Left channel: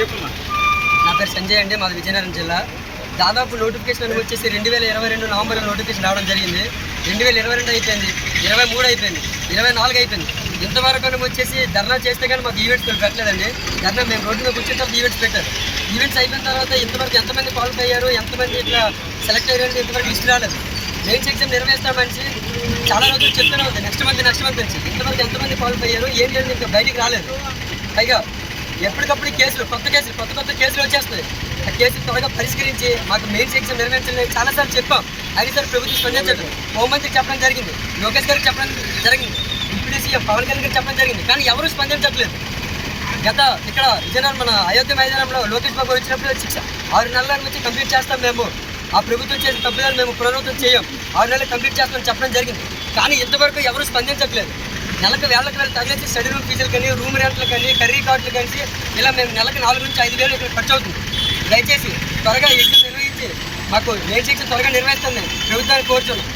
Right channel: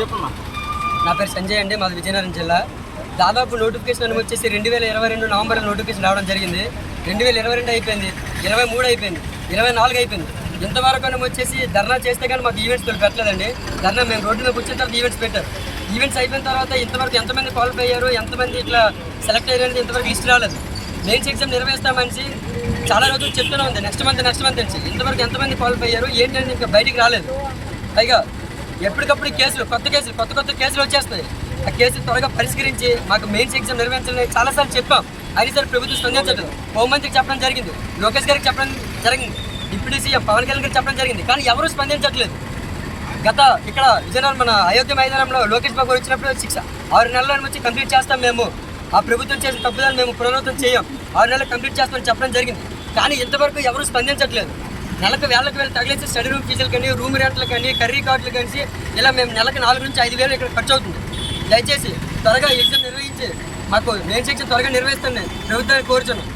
చెప్పమ్మా. నా పేరు సంజయ్ అండి మాది విజయనగరం జిల్లా. దాదాపు నోటిఫికేషన్ అని వచ్చేసి రెండు వేల ఇరవై రెండు నవంబర్లో నోటిఫికేషన్ రావడం జరిగింది. రెండు వేల ఇరవై రెండు అయిపోయింది ఇరవై మూడు అయిపోయింది ఇరవై నాలుగు అయిపోయింది. ఇంతవరకు అని వచ్చేసి ధర్నా చేస్తే కానీ మాకు ఈవెంట్స్ పెట్టలేదండి. ధర్నా మేము రోడ్డు మీద కూర్చున్న తర్వాత ఈవెంట్స్ పెట్టారు. ఈవెంట్స్ అయిపోయిన తర్వాత ఇంతవరకు ఎంతమంది క్వాలిఫై అయ్యారు ఎంతమంది ఇట్లా సెలెక్ట్ అయ్యారు ఇంతవరకు లిస్ట్ రాలేదు. మెయిన్స్ ఎగ్జామ్ నిర్వహిస్తామని చాలా రోజులు చెప్తూనే ఉంది. నెక్స్ట్ మంత్ నెక్స్ట్ మంత్ నుంచి ఇంతవరకు ఎంతమంది క్వాలిఫై అయ్యారు ఏంటి అనేది ఇంకా బయటికి రాలేదు. పైగా ఎప్పటికప్పుడు కేసులు కొత్త కేసులు కొత్త కొత్త కేసులు వచ్చేస్తాయి ఆ కేసులు త్వరగా పరిష్కరించి మాకు మెయిన్స్ ఎగ్జామ్ నిర్వహించాలని చాలాసార్లు చెప్పాం. అది సార్ ప్రభుత్వం స్పందించడం హోంమంత్రికి చెప్పడం జరిగింది లోకేష్ గారికి చెప్పడం జరిగింది డిప్యూటీ సీఎం పవన్ కళ్యాణ్ గారికి చెప్పడం జరిగింది కానీ ఎవరూ స్పందించట్లేదు. గత ఇక్కడ విజయనగరం మన అయోధ్య మైదానంలో లోకేష్ బాబు వచ్చినప్పుడు శిక్ష. ఆరు నెలల నుంచి కంప్లీట్ చేస్తాం మేము. ఆ ప్రభుత్వం చేసిన తప్పుదాన్ని మేము పునరావృతం చేయం. ఆరు నెలలు కంప్లీట్ చేస్తామని చెప్పడం జరిగింది. కానీ ఇంతవరకు ఎవరు స్పందించట్లేదు. నెలకు వేలకు వేలు తగిలేసి స్టడీ రూమ్ ఫీజులు కానీ రూమ్ రెంట్లు కానీ కర్రీ కార్డులు కానీ ఇలా మేము నెలకు నాలుగు నుంచి ఐదు వేలు ఇక్కడ ఖర్చు అవుతుంది. దయచేసి త్వరగా ఎగ్జామ్ నిర్వహించి మాకు మెయిన్ సెక్షన్ త్వరగా నిర్వహిస్తుంది ప్రభుత్వాన్ని కోరుచున్నాం.